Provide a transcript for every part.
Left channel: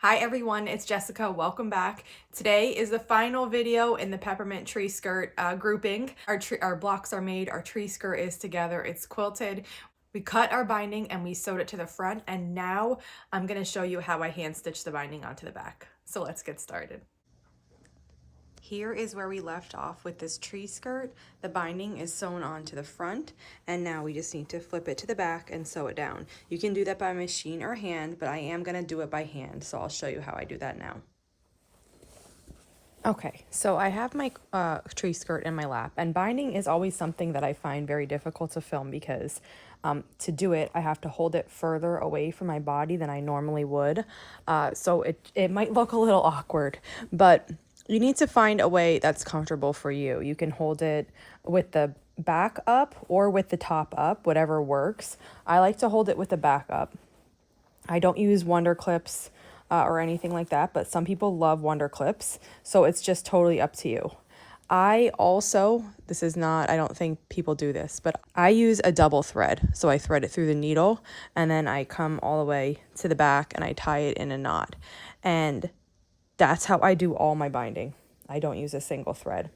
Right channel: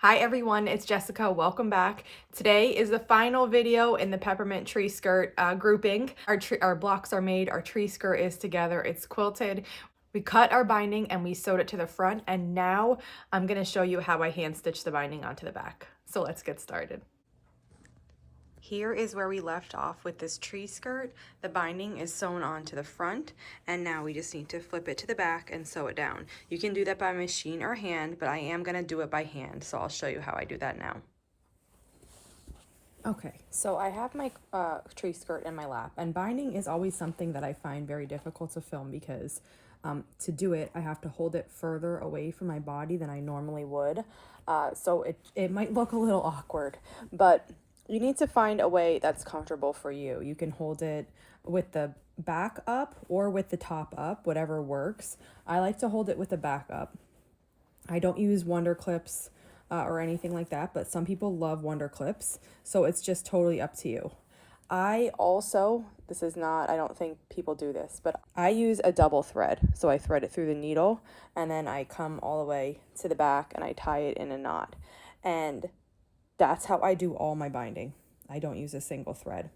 Hi everyone, it's Jessica. Welcome back. Today is the final video in the Peppermint Tree Skirt grouping. Our blocks are made, our tree skirt is together, it's quilted. We cut our binding and we sewed it to the front, and now I'm going to show you how I hand stitch the binding onto the back. So let's get started. Here is where we left off with this tree skirt. The binding is sewn onto the front, and now we just need to flip it to the back and sew it down. You can do that by machine or hand, but I am gonna do it by hand, so I'll show you how I do that now. Okay, so I have my tree skirt in my lap, and binding is always something that I find very difficult to film because to do it, I have to hold it further away from my body than I normally would. So it might look a little awkward, but you need to find a way that's comfortable for you. You can hold it with the back up or with the top up, whatever works. I like to hold it with the back up. I don't use Wonder Clips or anything like that, but some people love Wonder Clips, so it's just totally up to you. I also, this is not, I don't think people do this, but I use a double thread. So I thread it through the needle and then I come all the way to the back and I tie it in a knot. And that's how I do all my binding. I don't use a single thread.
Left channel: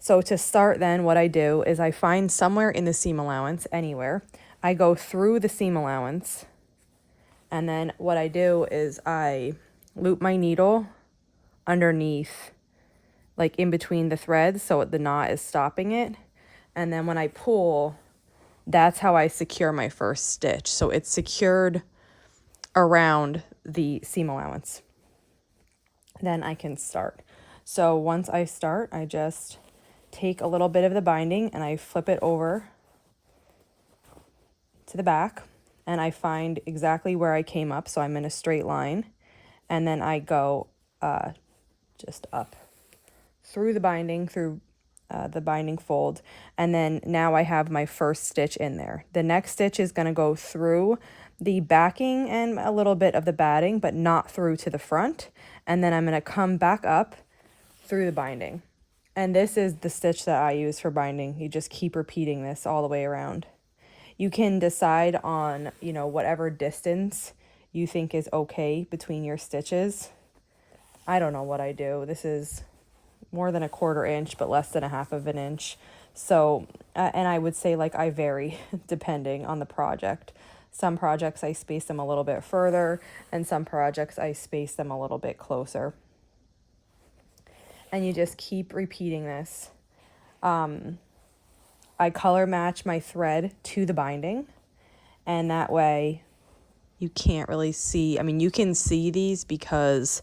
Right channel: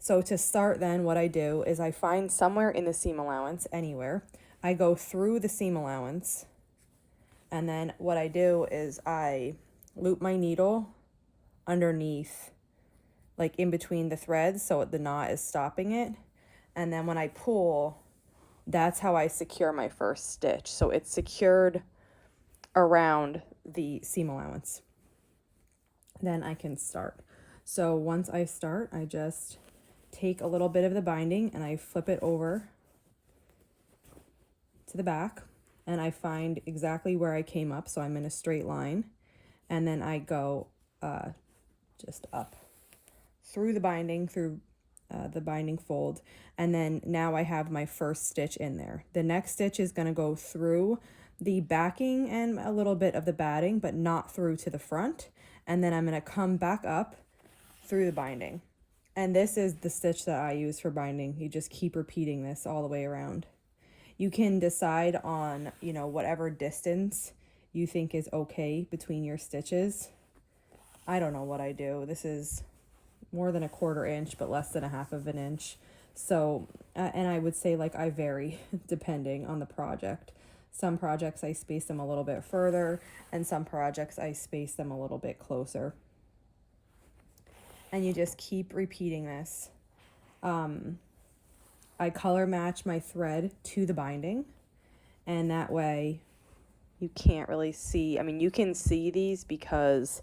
So to start then, what I do is I find somewhere in the seam allowance, anywhere. I go through the seam allowance, and then what I do is I loop my needle underneath, like in between the threads, so the knot is stopping it. And then when I pull, that's how I secure my first stitch. So it's secured around the seam allowance. Then I can start. So once I start, I just take a little bit of the binding and I flip it over to the back, and I find exactly where I came up, so I'm in a straight line, and then I go just up through the binding, through the binding fold, and then now I have my first stitch in there. The next stitch is going to go through the backing and a little bit of the batting, but not through to the front, and then I'm going to come back up through the binding. And this is the stitch that I use for binding. You just keep repeating this all the way around. You can decide on, whatever distance you think is okay between your stitches. I don't know what I do. This is more than a 1/4 inch, but less than a 1/2 of an inch. So, and I would say I vary depending on the project. Some projects I space them a little bit further, and some projects I space them a little bit closer. And you just keep repeating this. I color match my thread to the binding, and that way you can't really see. I mean, you can see these because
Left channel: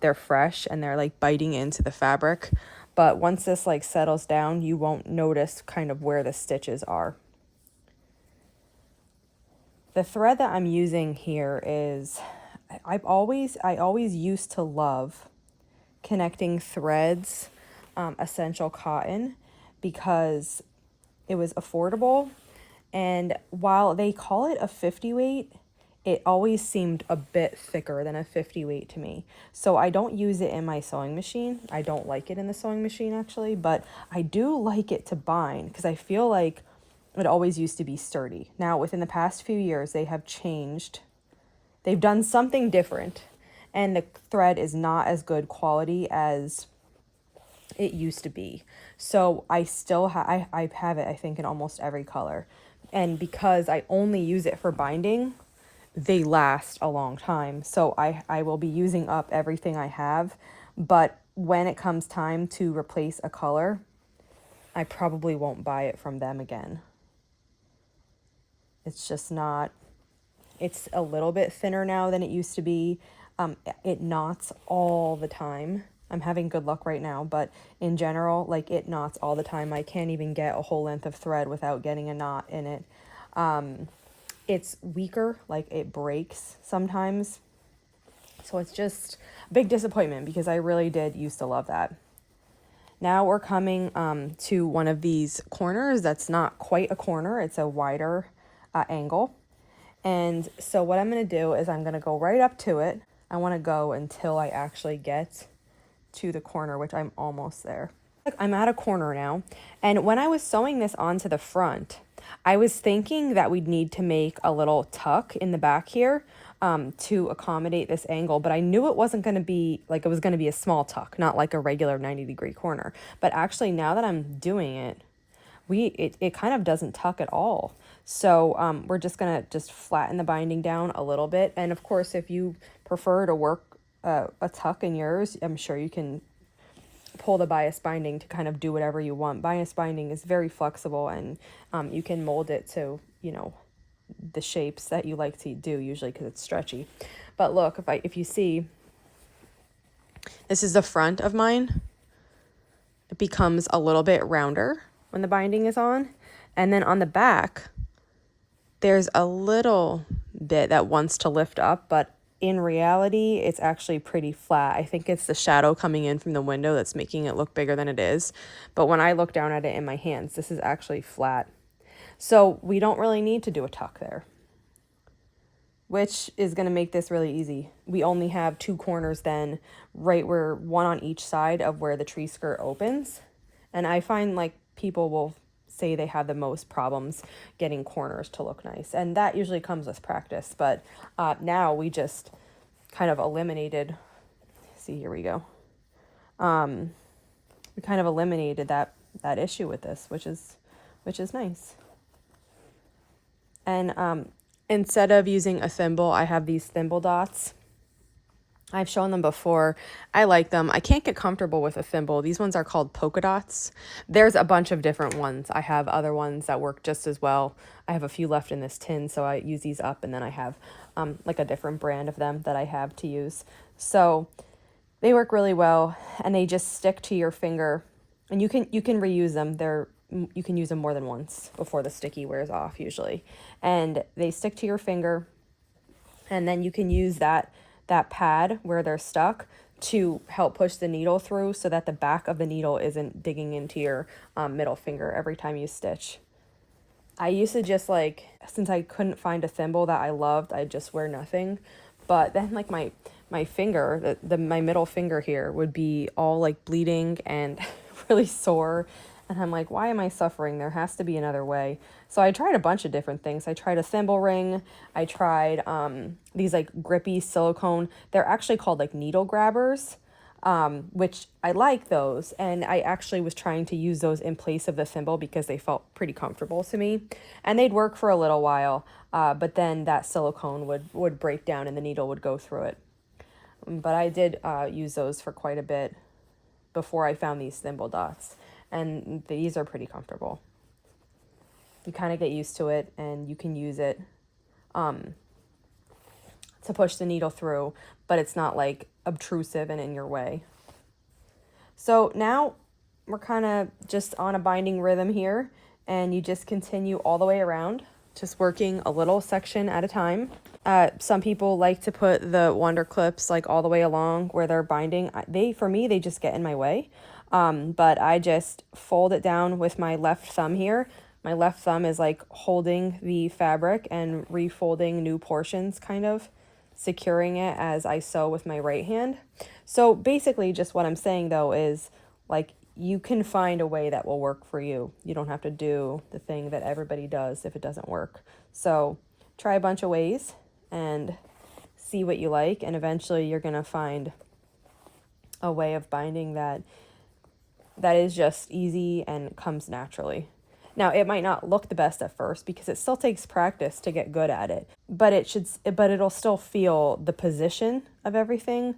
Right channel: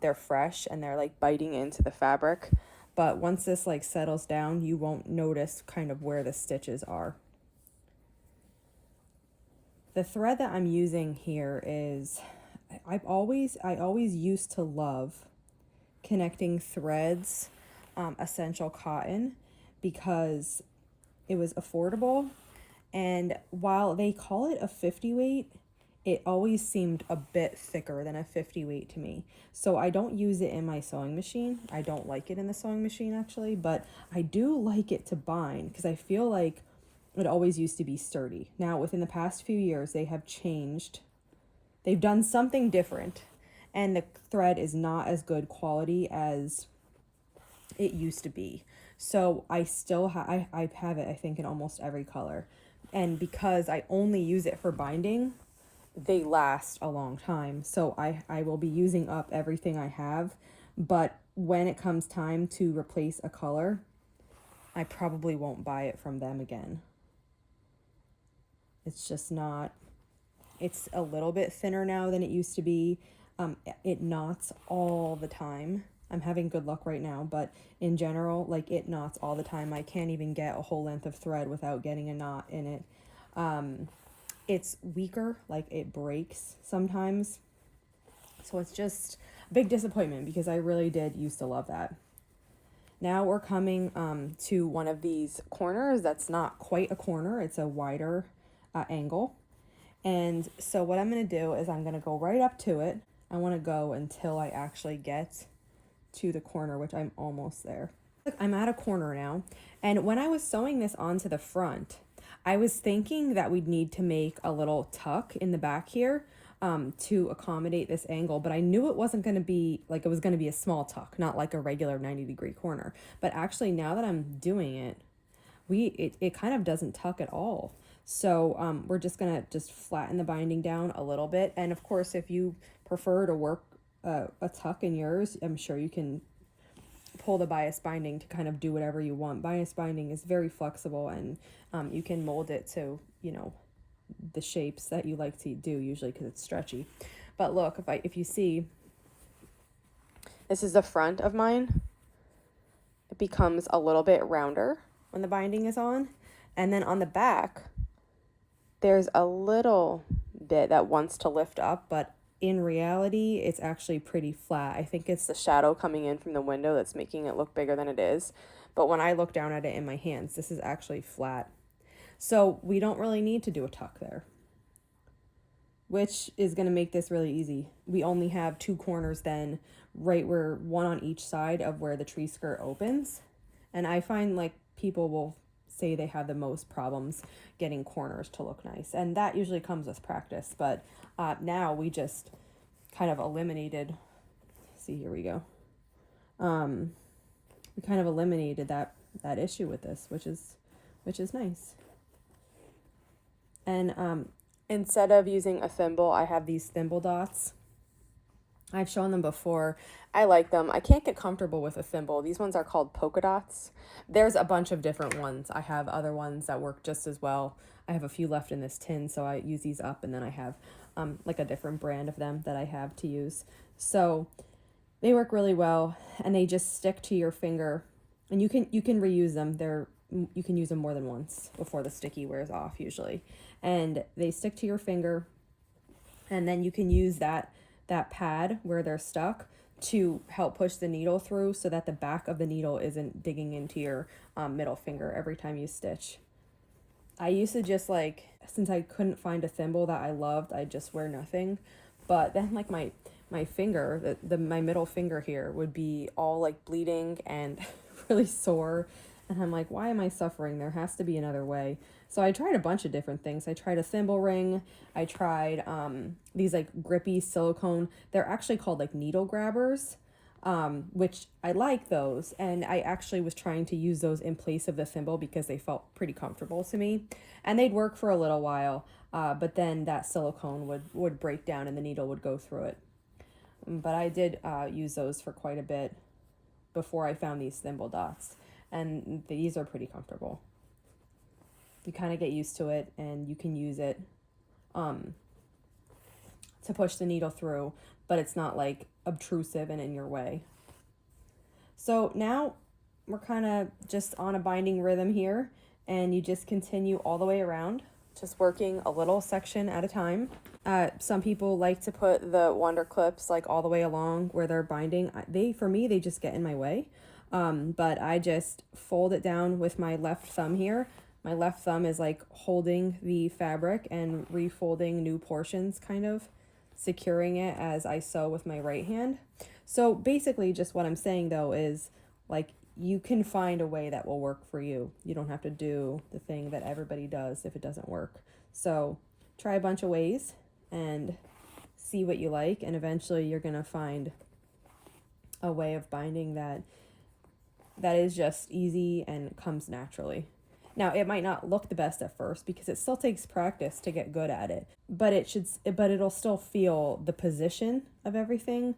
they're fresh and they're biting into the fabric, but once this settles down, you won't notice kind of where the stitches are. The thread that I'm using here is, I always used to love connecting threads, essential cotton, because it was affordable, and while they call it a 50 weight, it always seemed a bit thicker than a 50 weight to me. So I don't use it in my sewing machine. I don't like it in the sewing machine actually, but I do like it to bind because I feel like it always used to be sturdy. Now within the past few years, they have changed. They've done something different, and the thread is not as good quality as it used to be. So I still I have it, I think, in almost every color. And because I only use it for binding, they last a long time. So I will be using up everything I have. But when it comes time to replace a color, I probably won't buy it from them again. It's just not, it's a little bit thinner now than it used to be. It knots all the time. I'm having good luck right now, but in general, it knots all the time. I can't even get a whole length of thread without getting a knot in it. It's weaker, it breaks sometimes. So it's just a big disappointment because I really did used to love that. Now we're coming to one of these corners that's not quite a corner. It's a wider angle. And so what I'm going to do is I'm going to go right up to it. I want to go until I actually get to the corner, which I'm almost there. I'm at a corner now. And when I was sewing this onto the front, I was thinking that we'd need to make a little tuck in the back here, to accommodate this angle, but I knew it wasn't going to be like, it was going to be a small tuck, not like a regular 90-degree corner. But actually, now that I'm doing it, it kind of doesn't tuck at all. So we're just gonna just flatten the binding down a little bit. And of course, if you prefer to work a tuck in yours, I'm sure you can pull the bias binding to kind of do whatever you want. Bias binding is very flexible, and you can mold it to, you know, the shapes that you like to do, usually because it's stretchy. But look, if you see, this is the front of mine. It becomes a little bit rounder when the binding is on. And then on the back, there's a little bit that wants to lift up, but in reality, it's actually pretty flat. I think it's the shadow coming in from the window that's making it look bigger than it is. But when I look down at it in my hands, this is actually flat. So we don't really need to do a tuck there, which is going to make this really easy. We only have 2 corners then, right where one on each side of where the tree skirt opens. And I find like people will say they have the most problems getting corners to look nice, and that usually comes with practice. But now we just kind of eliminated, see, here we go. We kind of eliminated that issue with this, which is nice. And instead of using a thimble, I have these thimble dots. I've shown them before. I like them. I can't get comfortable with a thimble. These ones are called polka dots. There's a bunch of different ones. I have other ones that work just as well. I have a few left in this tin, so I use these up, and then I have like a different brand of them that I have to use. So they work really well, and they just stick to your finger, and you can reuse them. You can use them more than once before the sticky wears off usually. And they stick to your finger, and then you can use that pad where they're stuck to help push the needle through so that the back of the needle isn't digging into your middle finger every time you stitch. I used to just like, since I couldn't find a thimble that I loved, I'd just wear nothing. But then like my finger, my middle finger here would be all like bleeding and really sore. And I'm like, why am I suffering? There has to be another way. So I tried a bunch of different things. I tried a thimble ring. I tried these like grippy silicone. They're actually called like needle grabbers, which I like those. And I actually was trying to use those in place of the thimble because they felt pretty comfortable to me. And they'd work for a little while, but then that silicone would break down and the needle would go through it. But I did use those for quite a bit before I found these thimble dots. And these are pretty comfortable. You kind of get used to it, and you can use it to push the needle through, but it's not like obtrusive and in your way. So now we're kind of just on a binding rhythm here, and you just continue all the way around, just working a little section at a time. Some people like to put the wonder clips like all the way along where they're binding. For me, they just get in my way. But I just fold it down with my left thumb here. My left thumb is like holding the fabric and refolding new portions, kind of securing it as I sew with my right hand. So basically just what I'm saying though is like, you can find a way that will work for you. You don't have to do the thing that everybody does if it doesn't work. So try a bunch of ways and see what you like, and eventually you're gonna find a way of binding that is just easy and comes naturally. Now, it might not look the best at first because it still takes practice to get good at it, but it'll still feel, the position of everything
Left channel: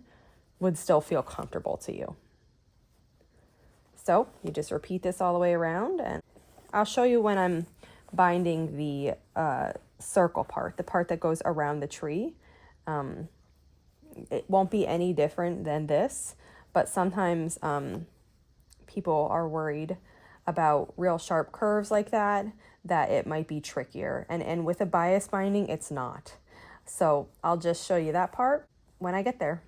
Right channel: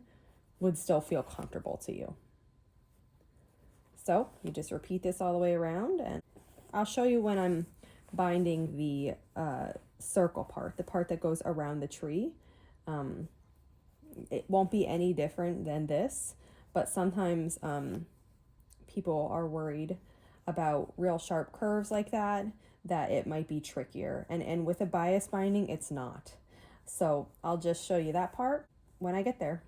would still feel comfortable to you. So you just repeat this all the way around, and I'll show you when I'm binding the circle part, the part that goes around the tree. It won't be any different than this, but sometimes people are worried about real sharp curves like that it might be trickier. And with a bias binding, it's not. So I'll just show you that part when I get there.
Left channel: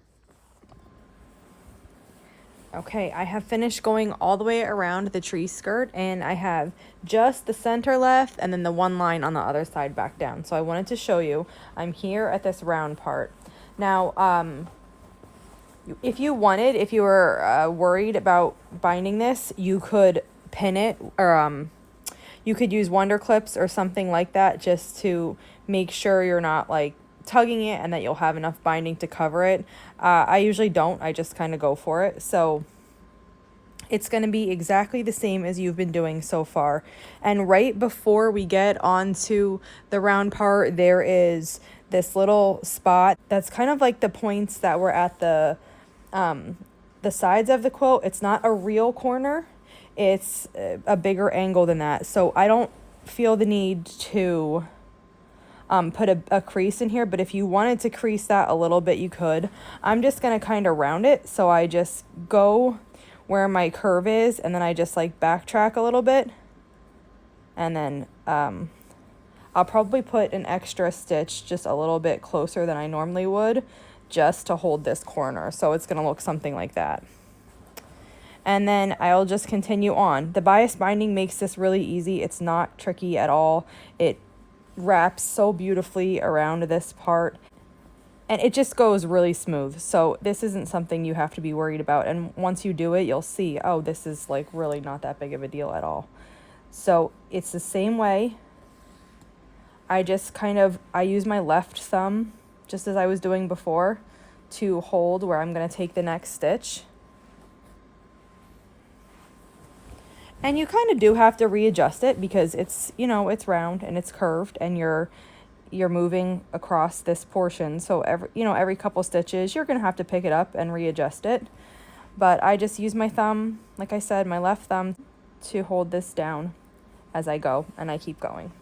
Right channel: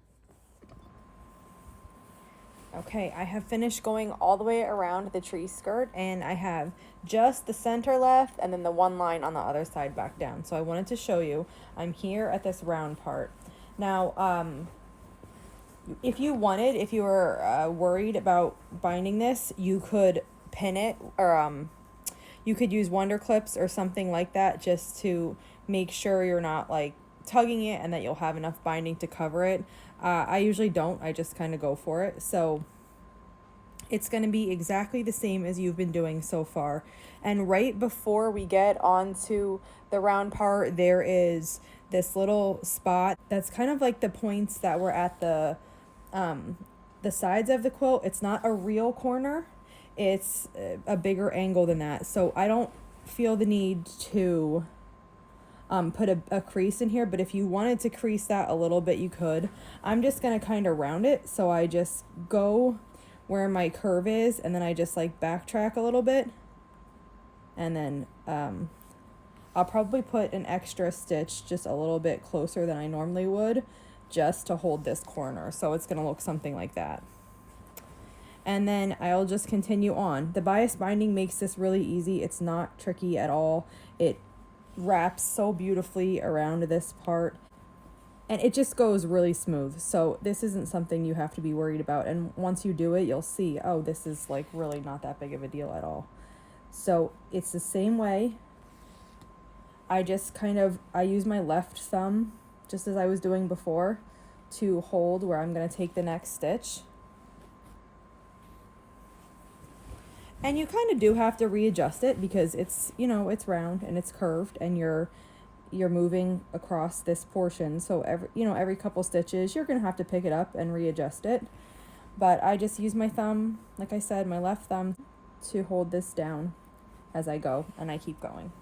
Okay, I have finished going all the way around the tree skirt, and I have just the center left and then the one line on the other side back down. So I wanted to show you, I'm here at this round part. Now, if you were worried about binding this, you could pin it, or you could use wonder clips or something like that just to make sure you're not like tugging it and that you'll have enough binding to cover it. I usually don't. I just kind of go for it. So it's going to be exactly the same as you've been doing so far. And right before we get onto the round part, there is this little spot that's kind of like the points that were at the sides of the quilt. It's not a real corner. It's a bigger angle than that. So I don't feel the need to put a crease in here, but if you wanted to crease that a little bit, you could. I'm just going to kind of round it. So I just go where my curve is, and then I just like backtrack a little bit, and then I'll probably put an extra stitch just a little bit closer than I normally would, just to hold this corner. So it's going to look something like that. And then I'll just continue on. The bias binding makes this really easy. It's not tricky at all. It wraps so beautifully around this part, and it just goes really smooth. So this isn't something you have to be worried about. And once you do it, you'll see, oh, this is like really not that big of a deal at all. So it's the same way. I just I use my left thumb, just as I was doing before, to hold where I'm going to take the next stitch. And you kind of do have to readjust it because it's, it's round and it's curved, and you're moving across this portion. So every couple stitches, you're going to have to pick it up and readjust it. But I just use my thumb, like I said, my left thumb, to hold this down as I go, and I keep going.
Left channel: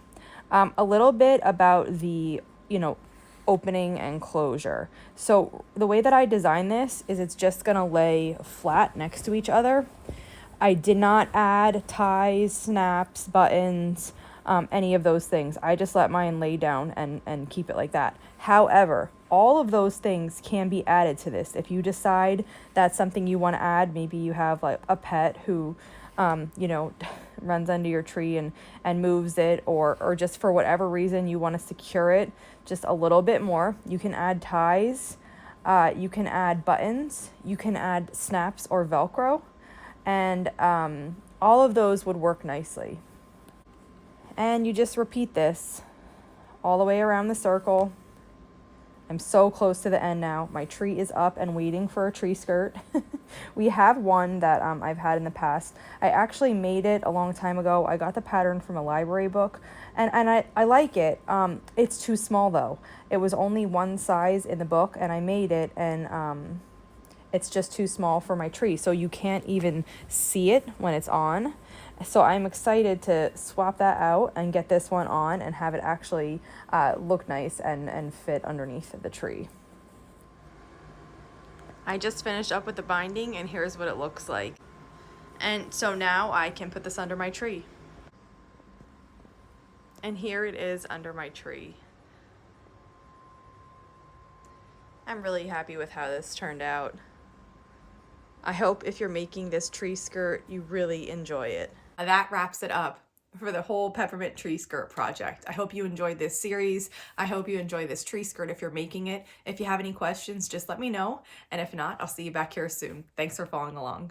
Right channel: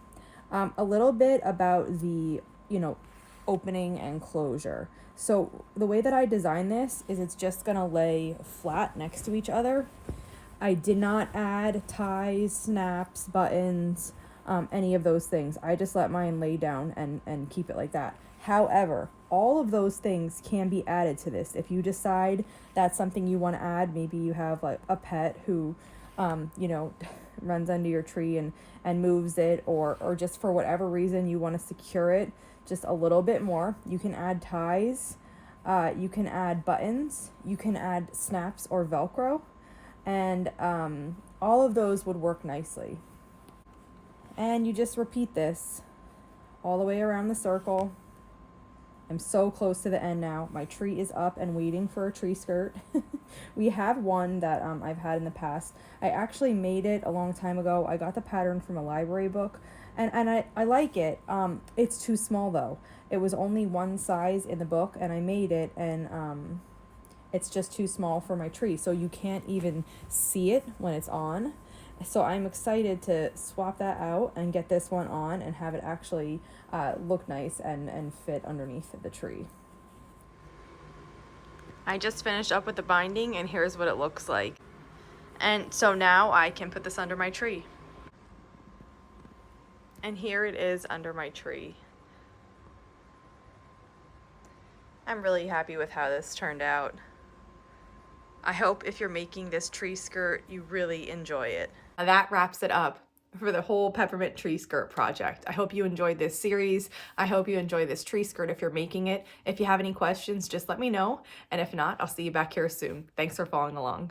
A little bit about the, opening and closure. So the way that I design this is it's just going to lay flat next to each other. I did not add ties, snaps, buttons, any of those things. I just let mine lay down and keep it like that. However, all of those things can be added to this. If you decide that's something you want to add, maybe you have like a pet who, runs under your tree and moves it, or just for whatever reason you want to secure it just a little bit more, you can add ties, you can add buttons, you can add snaps or Velcro. And all of those would work nicely. And you just repeat this all the way around the circle. I'm so close to the end now. My tree is up and waiting for a tree skirt. We have one that I've had in the past. I actually made it a long time ago. I got the pattern from a library book, and I like it. It's too small though. It was only one size in the book, and I made it, and it's just too small for my tree, so you can't even see it when it's on. So I'm excited to swap that out and get this one on and have it actually look nice and fit underneath the tree. I just finished up with the binding, and here's what it looks like. And so now I can put this under my tree. And here it is under my tree. I'm really happy with how this turned out. I hope if you're making this tree skirt, you really enjoy it. That wraps it up for the whole Peppermint Tree Skirt project. I hope you enjoyed this series. I hope you enjoy this tree skirt if you're making it. If you have any questions, just let me know. And if not, I'll see you back here soon. Thanks for following along.